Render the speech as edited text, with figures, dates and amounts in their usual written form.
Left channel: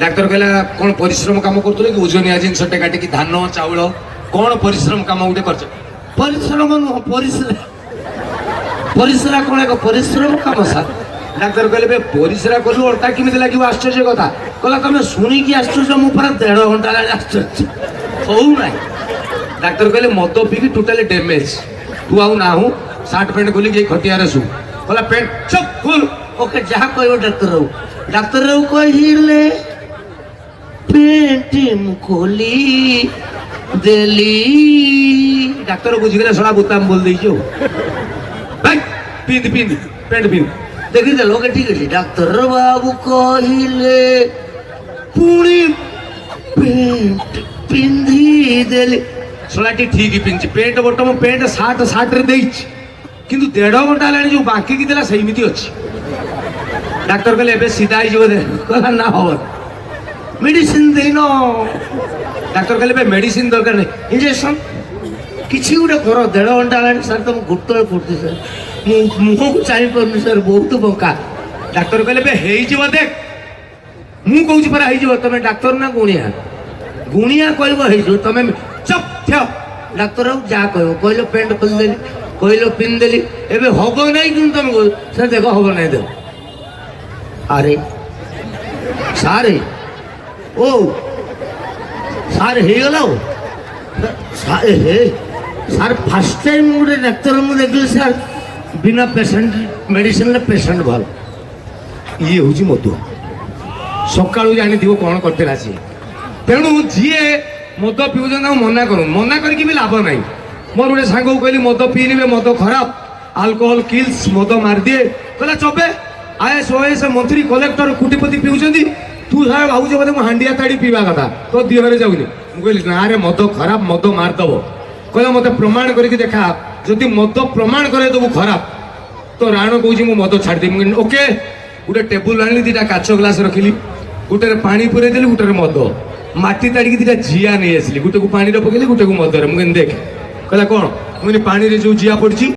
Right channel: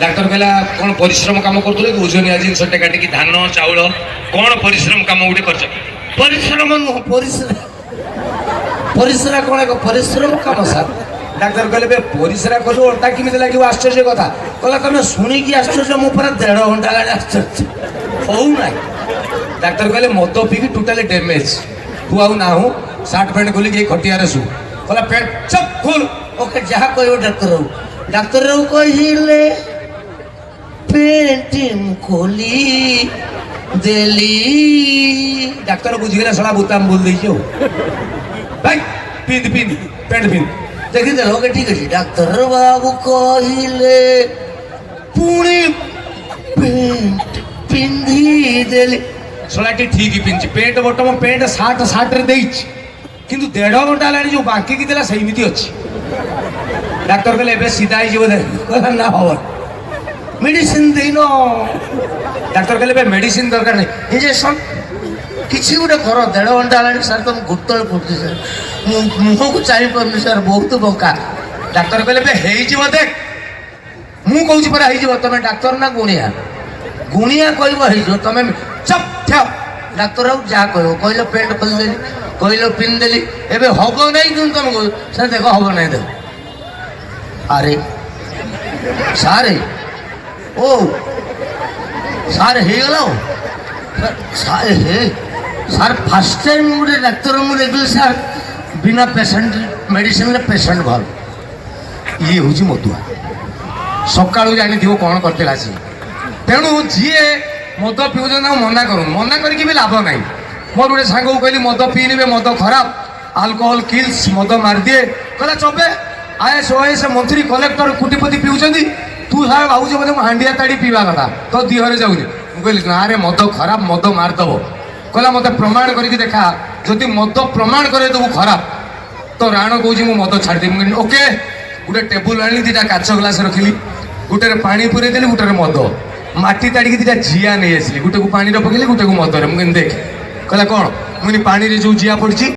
Doctor कहला कौन परिश्रम काम करते ओजनिया जिनस काटिकी धान चाउल कौन परिश्रम काम गोटे कर परिश्रम नुह परिश्रा कौन एक परिश्रम काम सर डाक्तर कहले परिश्रा कलु अंटा केमी लगे आश्चर्य कथा कहला तुम शुणिकी आश्चर्य मो पर 1.5 घंटा लगे आश्चर्य हो ना। डाक्तर कहले मद पीकी टोटाली डैमेज तू आउ ना हूँ सार्ट पैंट खोली जाई खटियार शु कहला पेंट चप खोल ओके जहाँ कह डाक्तर कहले पेंट खोली देली डाक्तर बुझिके सड़ा बुताम बोल दी भाई पिंध पिंध पेंट पिंध देखी देख ओके ठीक है डाक्तर बाबू कहले पुणी पेंट पिंधी देली सड़ाटी ठीक ही पिंधि pant bottom pant shirt shirt रे देइछि किंतु 1.5 घंटा लानी जो बाकी की दिला सेमिति अछि। डाक्तर कहले एबे सीधा ही जो दे कहला ना हो मेडिसिन देनो डाक्तर कहले बे मेडिसिन दरकार नहीं इंजेक्शन किसी गोटे कर 1.5 घंटा लानी सर तुम गुटल पड़ती सर मुह को चाहि पारनी सर बहुत बका। डाक्तर कहले बे हेई जीव देख मु कहूची पर हेई जीव तमे डाक्तर ना गुणिया गुणिया कहब हो तुम चप ठेव डाक्तर जहाँ कह कहल पेंट खोल देली कहल पिन देली एबे हम नहीं कि तुम सर देख हम नहीं देख अरे सारे ओ सार हो सारे हे सार फास्ट टाइम गोटे डाक्तर मुझे देखली सार बिना पेसेंट मेडिसिन पेसेंट भल ये हूँ मधुआ सका जानी थी कौन करता सी तेणु जी मद पिउन मना करूँ मना करके भी लाभ ना मोर गोटे सांग को कहली मद पीने मद खराब आल्कोहल किल्स मद मारिदिए कहला चबे आईएएस ओएएस मंत्री कलेक्टर कोटिपति पिउछंती तू सारे भावुच बोधे हांडिया ताड़ी पीवा कथा तो देहरे जाऊनी मुझे ना रे मद खराब मद मारदब कहला मत प्रमाण करके देखा जदि मद प्रमाण करे देबू खराब तो राण कौची मु मद छाड़देवी ओके गोटे टेबुल आनी 2टा काच ग्लास रखिली गोटे पानी पुरे देली गोटे मद माटी ताड़ी 2टा जिया नहीं आसली गोटे को पानी पकेली गोटे को मदर मुझे देख कहला कौन मुझे पानी जो जिया पड़ी